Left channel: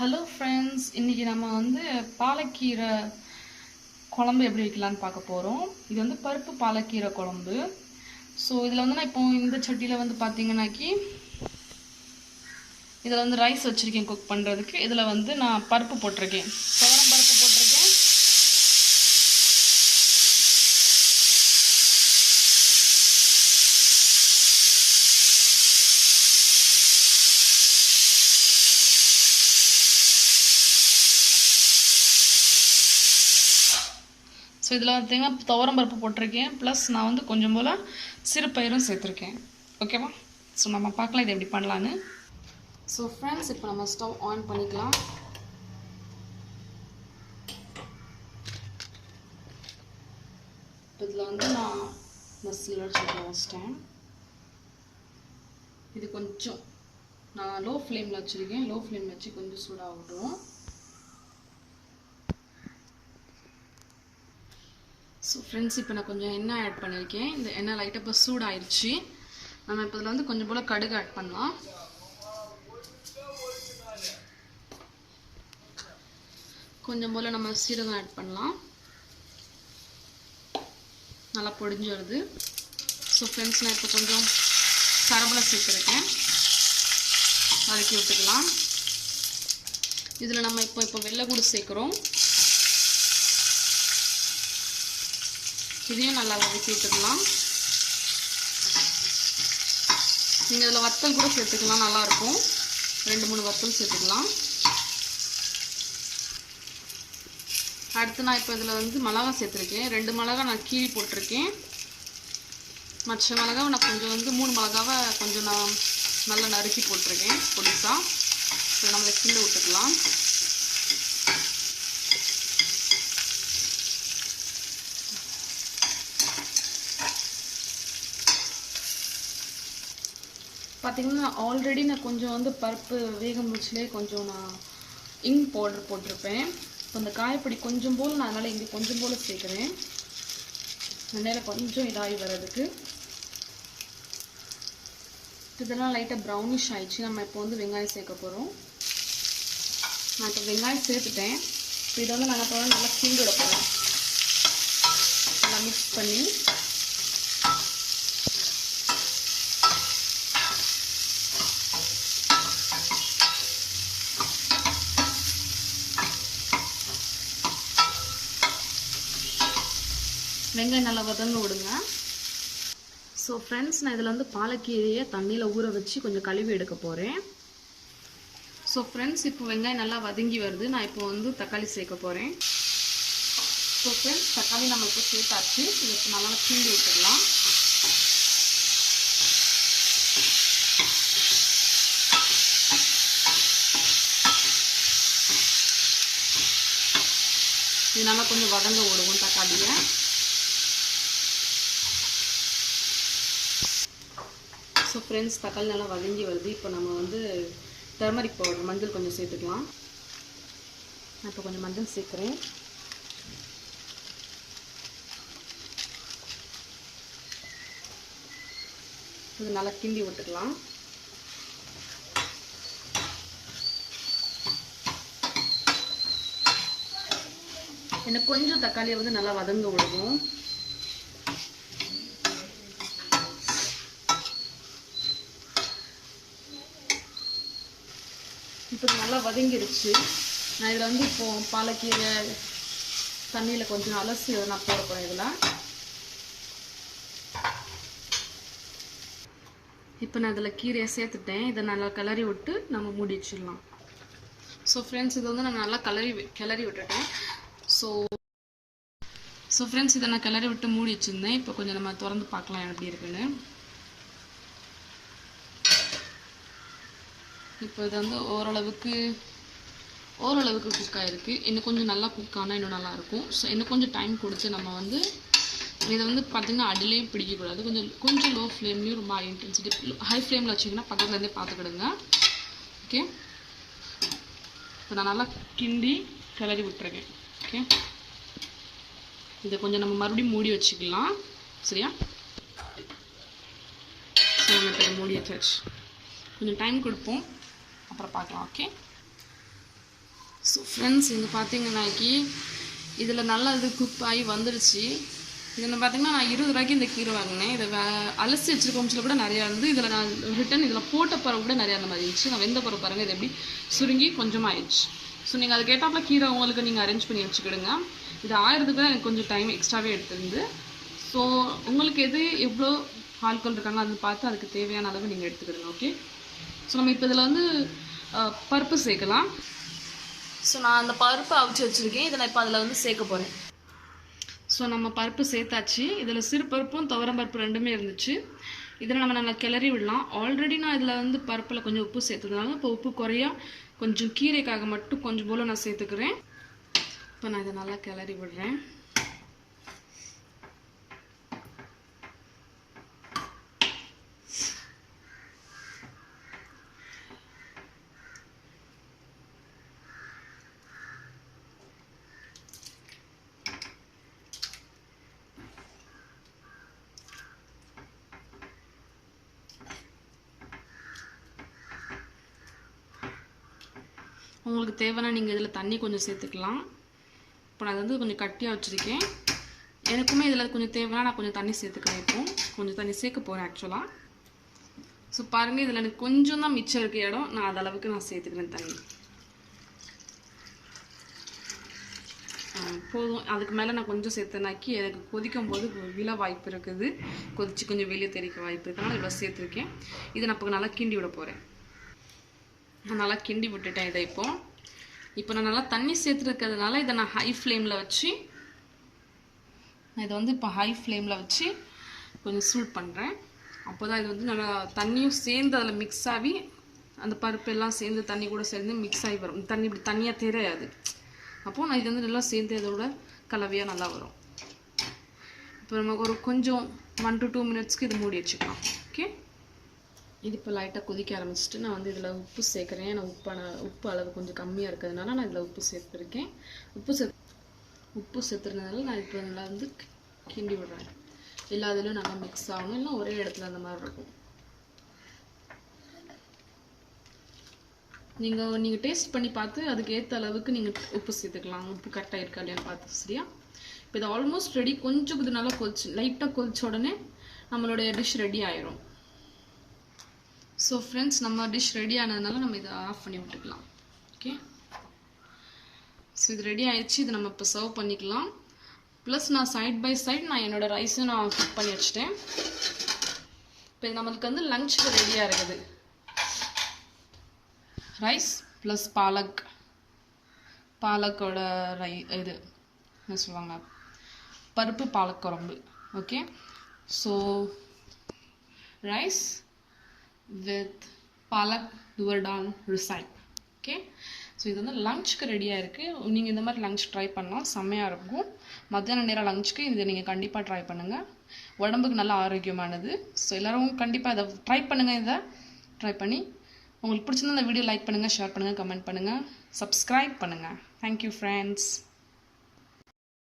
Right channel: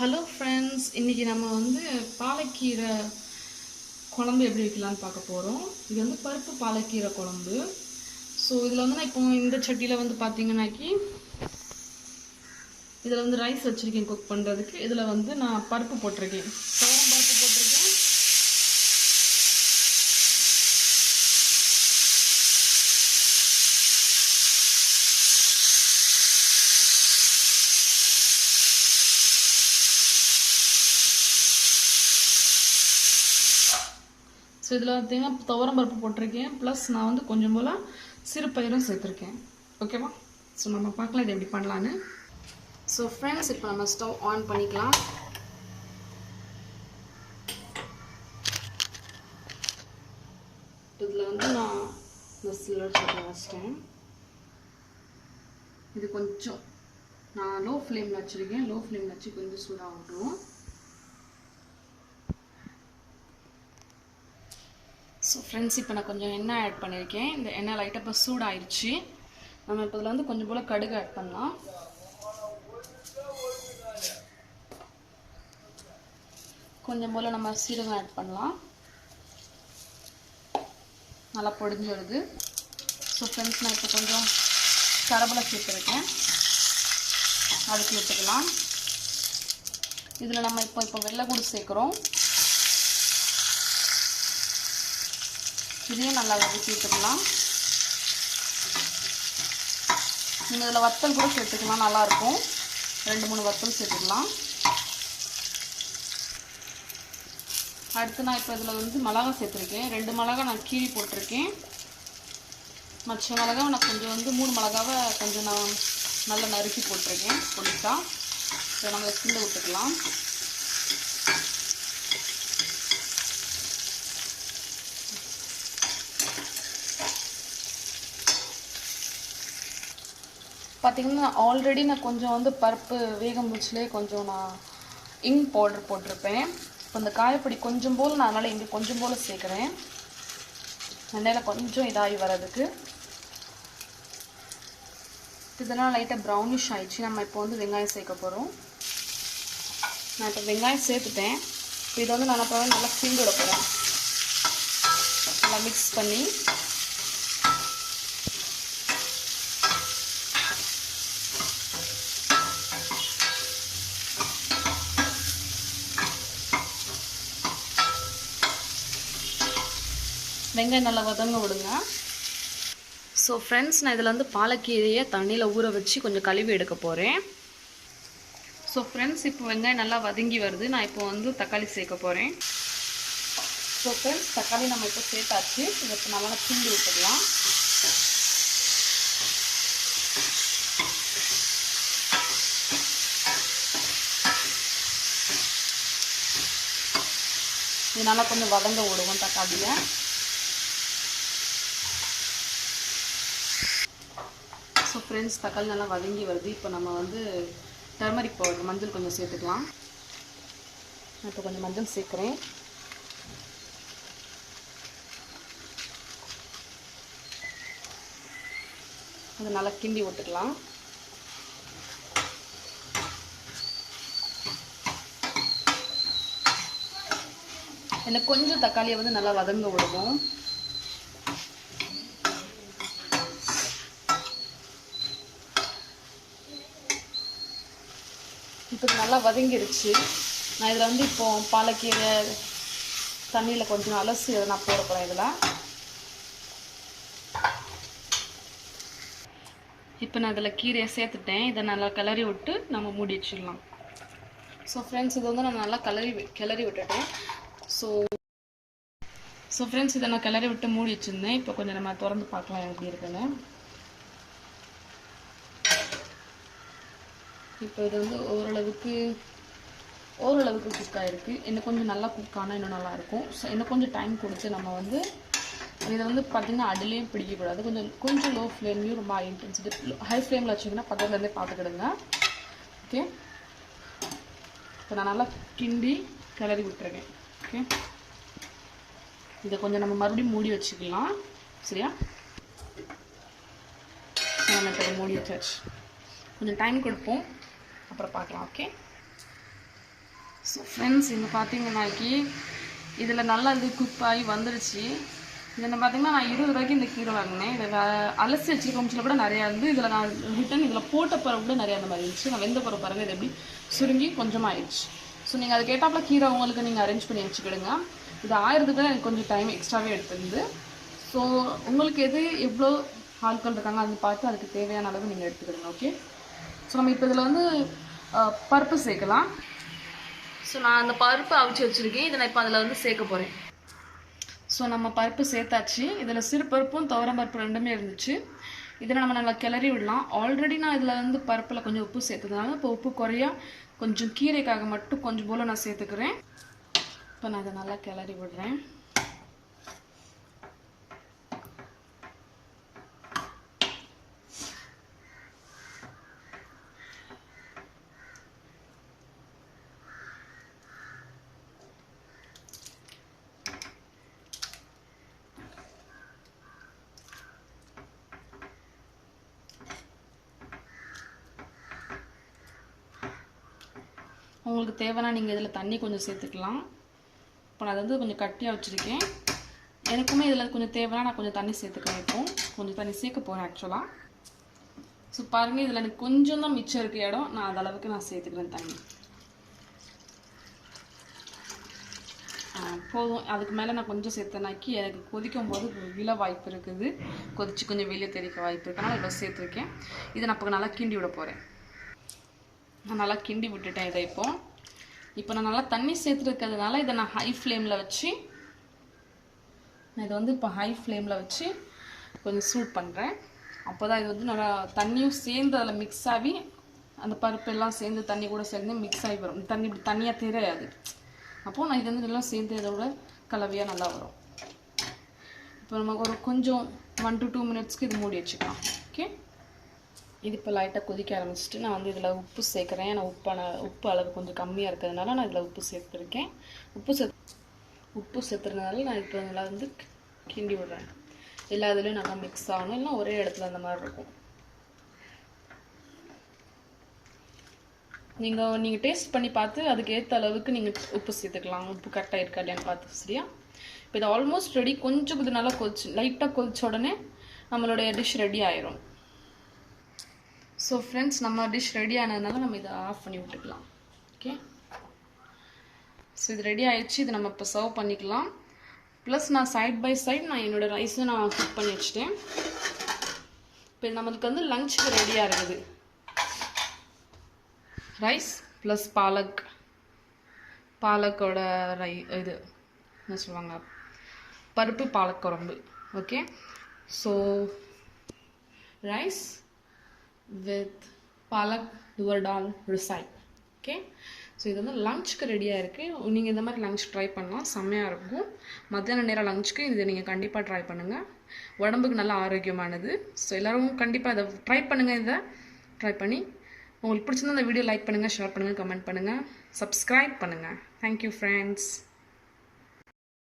Hello friends, இன்றைக்கி நம்ம வந்து பாலக்கீரை குழம்பு எப்படி வைக்கலான்னு பார்க்க போகிறோம். இது வந்து பருப்பு பாலக்கீரை குழம்பு. ஸோ இதில் வந்து நான் இப்போ இந்த சட்டியில் வந்து பார்த்தீங்கன்னாக்கி இதில் வந்து ரைஸ் வச்சுருக்கேன் குக் பண்ணுறதுக்கு. இதில் வந்து நான் பருப்பு போட்டிருக்கேன், துவரம் பருப்பு போட்டிருக்கேன். ஸோ இதில் பார்த்தீங்கன்னா துவரம் பருப்பு போட்டிருக்கேன், ப்ளஸ் நான் வந்து கொஞ்சம் போல் சிறுபயிரும் சேர்த்துருக்கேன். ஓகேவா? ஸோ நம்ம பார்க்கலாம் இது எப்படி பண்ணலான்னு. ஸோ ஃப்ரெண்ட்ஸ், இப்போ நம்ம ஸ்டவ் ஆன் பண்ணிக்கலாம். இதில் வந்து நான் இந்த சில்வர் சட்டி வச்சிட்டேன். இது கொஞ்சம் நான் லோ ஃப்ளேமில் வச்சுருக்கேன். லோ ஃப்ளேமில் வச்சு கொஞ்சம் சூடாகட்டும். ஸோ ஃப்ரெண்ட்ஸ், இப்போ நான் கொஞ்சம் எண்ணெய் ஆட் பண்ணியிருக்கேன். இந்த எண்ணெய் லைட்டாக இப்போ சூடாகிடுச்சு. நம்ம இப்போ இதில் வந்து கொஞ்சம் போல் கடுகு ஆட் பண்ணலாம். கொஞ்சம் போல் நம்ம சீரகம் ஆட் பண்ணலாம். நல்லா பொடிஞ்சு வருது. ஸோ ஃப்ரெண்ட்ஸ், நான் இப்போ கொஞ்சம் கருவேப்பிலை சேர்த்துருக்கேன், வதக்கி விட்டுக்கலாம். இதில் நம்ம இப்போ வெள்ளைப்பூடு சேர்க்குறோம். இதையும் நல்லா வதக்கி விட்டுக்கலாம். நீங்கள் இதில் வத்தல் கூட சேர்த்துக்கலாம், நல்லாயிருக்கும். 2-3 வத்தல் சேர்த்துக்கலாம். அடுத்து நான் இப்போ இதில் வந்து மிளகா சேர்த்துருக்கேன். 2 மிளகா நான் கீறி போட்டிருக்கேன். மற்ற மிளகாவை நான் கொஞ்சம் வந்து 3 மிளகாவை கொஞ்சம் நான் நல்லா நறுக்கி போட்டிருக்கேன் பொடிசாக. இப்போ நம்மளை கீழே விட்டுக்கலாம். பார்த்திங்கன்னா ஆல்ரெடி நான் கொஞ்சம் வந்து பருப்பு வேகம் வச்சுலே கொஞ்சம் நான் இங் பவுடர் போட்டிருப்பேன். இப்போ இந்த காயப்பொடி கொஞ்சம் போல் நான் அதனால் இங்கே கொஞ்சம் போல் சேர்க்குறேன், எண்ணெயில் கொஞ்சம் இதாகி வர்றதுக்கு. இதெல்லாம் லைட்டாக ப்ரௌனிஷ் ஆயிடுச்சு. நம்ம இப்போ வந்து வெங்காயம் சேர்க்க போகிறோம். நான் இப்போ வெங்காயம் சேர்த்துட்டேன். இப்போ இதை வந்து நான் அப்புறம் நல்லா கிண்டி விட போகிறேன். நல்லா மிக்ஸ் பண்ணி வெங்காயம் நல்லா வதங்க விடுங்க. ஸோ ஃப்ரெண்ட்ஸ், நான் இதில் வந்து பாலக்கீரையை தண்ணியில் ஊற வச்சு கொஞ்சம் கழுவி எடுக்க போகிறேன். ஸோ ஃப்ரெண்ட்ஸ், இப்போ வெங்காயம் நல்லா வதங்கி வருது. நான் இப்போ வந்து தக்காளி சேர்க்க போகிறேன். ஸோ ஃப்ரெண்ட்ஸ், தக்காளி நம்ம இப்போ சேர்த்தாச்சு. இதை இப்போ நல்லா கிண்டி விட்டுடலாம். இது நல்லா கொஞ்சம் வதங்க விடுவோம் தக்காளியை. ஸோ ஃப்ரெண்ட்ஸ், தக்காளி நல்லா வதங்கி வருது. இப்போ நம்ம வந்து டர்மரிக் பவுடர், மஞ்சள் கொஞ்சம் சேர்த்துக்கலாம். நான் இப்போ கொஞ்சம் மஞ்சள் சேர்க்குறேன். இது நல்லா கிண்டி விட்டுக்கலாம். எனக்கு கொஞ்சம் தக்காளியை வந்து நல்லா வதங்க விடுவோம். இப்போ நல்லா வதங்கிடுச்சு. நான் இதில் வந்து இப்போ பாலக்கீரை தண்ணியில் கொஞ்சம் அலசி அதை நான் போட போகிறேன். இதில் இப்போ நான் இதில் கீரையை சேர்த்துட்டேன். இதை நல்லா கிளறி விட்டு நம்ம மூடி வச்சிடலாம். ஸோ ஃப்ரெண்ட்ஸ், இதை வந்து நான் நல்லா கிளறி விட்டுட்டேன். ஸோ ஃப்ரெண்ட்ஸ், இதை நான் கிளறி விட்டு மூடி வச்சுருந்தேன். இப்போ கொஞ்சம் நம்ம திறந்து பார்க்கலாம் எப்படி இருக்குன்னு. இப்போ இது வந்து ஓரளவுக்கு குக் ஆகிருக்கு. இன்னும் கொஞ்சம் நல்லா குக் ஆனால் இன்னும் நல்லாயிருக்கும். ஸோ இன்னும் கொஞ்சம் டைம் கொடுத்து நம்ம வந்து இதை வந்து பார்த்திங்கன்னா அடிலையும் பிடிக்கக்கூடாது. கொஞ்சம் லோ ஃப்ளேம்லேயும் ரொம்ப ஹை ஃப்ளேமில் வச்சிங்கன்னா பக்கத்துலேருந்தே பார்த்துக்கிடுங்க. ஓகே, இப்போ நான் நல்லா கிண்டி கிளறி விட்டுருக்கேன். ஓகே, இதை கொஞ்சம் நம்ம மறுபடியும் மூடி வச்சுக்கலாம். சரியா? நம்ம இப்போ மூடி வச்சாச்சு. கொஞ்சம் டைம் கொடுப்போம், அப்புறம் பார்க்கலாம். ஓகே, ஸோ ஃப்ரெண்ட்ஸ் இங்கே பார்த்தீங்கன்னாக்கி இதில் நல்லா இது குக் ஆகி வந்துடுச்சு. இதில் பார்த்தீங்கன்னா நான் 20 ரூபாய்க்கு இந்த கீரை வாங்கினேன். இதை அலசி வச்சுருக்கோம்ஸில் கூட நிறையா இருந்து, இதில் நான் ரிட்டன் இதில் போட்ட பிறகு கூட நிறையா அந்த மாதிரி இருந்துச்சு. நான் வெந்த பிறகு பாருங்கள் இது எப்படி சுருங்கி கொஞ்சமாக ஆயிடுச்சு. ஸோ நீங்கள் அதுக்கு ஏற்றாப்புல கீரை உங்களுக்கு நீங்கள் அரேஞ்ச் பண்ணி வச்சுக்கிடுங்க. இது ஆயிரத்துக்கு தான் எனக்கு கொஞ்சம் டைம் எக்ஸ்ட்ராவே எடுத்துருந்து. ஸோ உங்களுக்கு எது எவ்வளோ ஆட்கள் இருக்காங்க அது பார்த்து அதுக்கு தேவையான அளவு நீங்கள் எடுத்துக்கிடுங்க. ஓகே. ஸோ நம்ம இப்போ இதில் வந்து பருப்பு சேர்க்கலாம். ஸோ நான் அந்த பருப்பு அவிச்சு வச்சுருக்கேன். இதை நான் இப்போ அதில் வந்து சேர்க்க போகிறேன். ஸோ நம்ம பருப்பு சேர்த்தாச்சு. இதில் சிறு பருப்பும் துவரம் பருப்பு ரெண்டுமே இருந்துச்சு. இதில் நம்ம நல்லா கிளறி விடலாம். ஆல்ரெடி நான் இதில் வந்து பருப்பில் கொஞ்சம் உப்பு சேர்த்ததுனால இப்போ உப்பு குறையா கொஞ்சம் கீரைக்காக மட்டும் கொஞ்சம் போல் நான் சேர்த்துக்கிறேன். இப்போ நான் இதை நல்லா கிளறி விடுறேன். உங்களுக்கு தேவைன்னா நீங்கள் இதில் தண்ணி கொஞ்சம் சேர்த்துக்கலாம். இப்போ நான் வந்து கொஞ்சம் கட்டியாக வச்சுருக்கேன். எனக்குமே இதில் கொஞ்சம் தேவைன்னா நான் கொஞ்சம் தண்ணி சேர்த்துக்கிறேன். இப்போ கொஞ்சம் தண்ணி சேர்க்க போகிறேன் ஆக்சுவலாக. ஸோ பாருங்கள் இதில் எனக்கு கொஞ்சம் தான் மிச்சம் இருக்க இடம். நான் அது அளவுக்கு நான் சேர்த்துக்கிறேன் தண்ணி. போதும். அதுக்கு மேலே நான் கொஞ்சம் சேர்த்தனாக்கி எனக்கு கொதிக்கும் போது விழ வாய்ப்பு இருக்குது. கொதிச்சு கொஞ்சம் வெளியே தெரிக்க வாய்ப்பு இருக்குனால இவ்வளோ சேர்த்துருக்கேன். இதை நான் இப்போ நல்லா கிண்டி விட போகிறேன். நான் நல்லா கிண்டி விட்டுட்டேன். இதை இப்போ நான் நல்லா தண்ணி சேர்த்துருக்கிறதுனால இதை நான் ஹை ஃப்ளேமில் வச்சு இதை வந்து இப்போ ஹை ஃப்ளேமில் வச்சு கொஞ்சம் சூட் பண்ணுறேன். அப்போ தான் இது வந்து நல்லா தண்ணியும் சேர்ந்து அதில் மிக்ஸ் ஆகி அந்த பருப்பு எல்லாம் சேர்ந்து தண்ணி கூட சேர்ந்து மிக்ஸ் ஆகி வரும். தண்ணி இப்படி தண்ணியாக தெரியாது. அப்போது நான் இது வந்து நல்லா சேர்ந்து இதோட கலவையாக நல்லா வரும். இப்போ நமக்கு ஒரு கொஞ்சம் 1 to 2 மினிட்ஸ்க்கு இது மூடி வச்சுக்கலாம். ஓகே. இது இப்போ லைட்டாக கொதிக்க ஆரம்பிச்சிட்டு நான் வந்து இதில் உப்பு சேர்க்குறேன். நான் உப்பு அளவு கொஞ்சம் கம்மியாக இருக்கிறதுனால நான் இதில் உப்பு சேர்த்துருக்கேன். உப்பு சேர்த்துறதுனால நான் இப்போ நல்லா வந்து கிண்டி விடுறேன். எல்லா இதுலேயும் நல்லா மிக்ஸ் ஆகணும். இல்லை ஒரே இடத்துல அந்த மாதிரி இருக்கும். நீங்கள் டேஸ்ட் பண்ணி பார்த்து அதுக்கு ஏற்ற அளவுக்கு நீங்கள் உப்பு சேர்த்துக்கலாம். உப்பு கரெக்டாக இருக்கா இல்லையான்னு பார்த்து. சரியா? இப்போ இது ஆல்மோஸ்ட் ரெடி. கொஞ்சம் இது நல்லா லைட்டாக கொதிச்ச உடனே நம்மளுடைய டிஷ் ரெடி ஆயிரும். ஸோ ஃப்ரெண்ட்ஸ் நம்ம டிஷ் ரெடி ஆனதுனால நம்ம இதை ஆஃப் பண்ணி விட்டுக்கலாம். ஓகே. ஸோ இது ரெடி ஆயிடுச்சு. இதை நம்ம இப்போ சர்வ் பண்ணிக்கலாம். ப்ளஸ் நான் சைட் பை சைட் நான் என்னோடய ரைஸும் நான் குக் பண்ணி வச்சுட்டேன். இப்போ இது நம்மளுக்கு வந்து லஞ்சுக்கு ரெடியாக இருக்குது. ரைஸ் ப்ளஸ் பாலக்கோட இது என்ன சொல்லுவாங்க, பருப்பு பாலக் குழம்பு. Okay. So rice with Palak Tuvar Dal recipe. Okay. So இது வந்து லஞ்சுக்கு ரெடியாக இருக்குது. நீங்கள் இந்த மாதிரி லஞ்ச் ட்ரை பண்ணலாம். செம்மையாக இருக்கும். மத்தியான நேரம் லஞ்சுக்கு இதை நீங்கள் கண்டிப்பாக ட்ரை பண்ணுங்கள். உடம்புக்கு நல்லா ஆரோக்கியமானது. ஸோ எல்லோரும் கண்டிப்பாக இதை ட்ரை பண்ணுங்கள். இதை ட்ரை பண்ணி உங்களுக்கு பிடிச்சிருந்தா இந்த வீடியோ லைக் பண்ணுங்கள், ஷேர் பண்ணுங்கள், கமெண்ட் பண்ணுங்கள், சப்ஸ்கிரைப் பண்ணுங்கள். Thank you friends.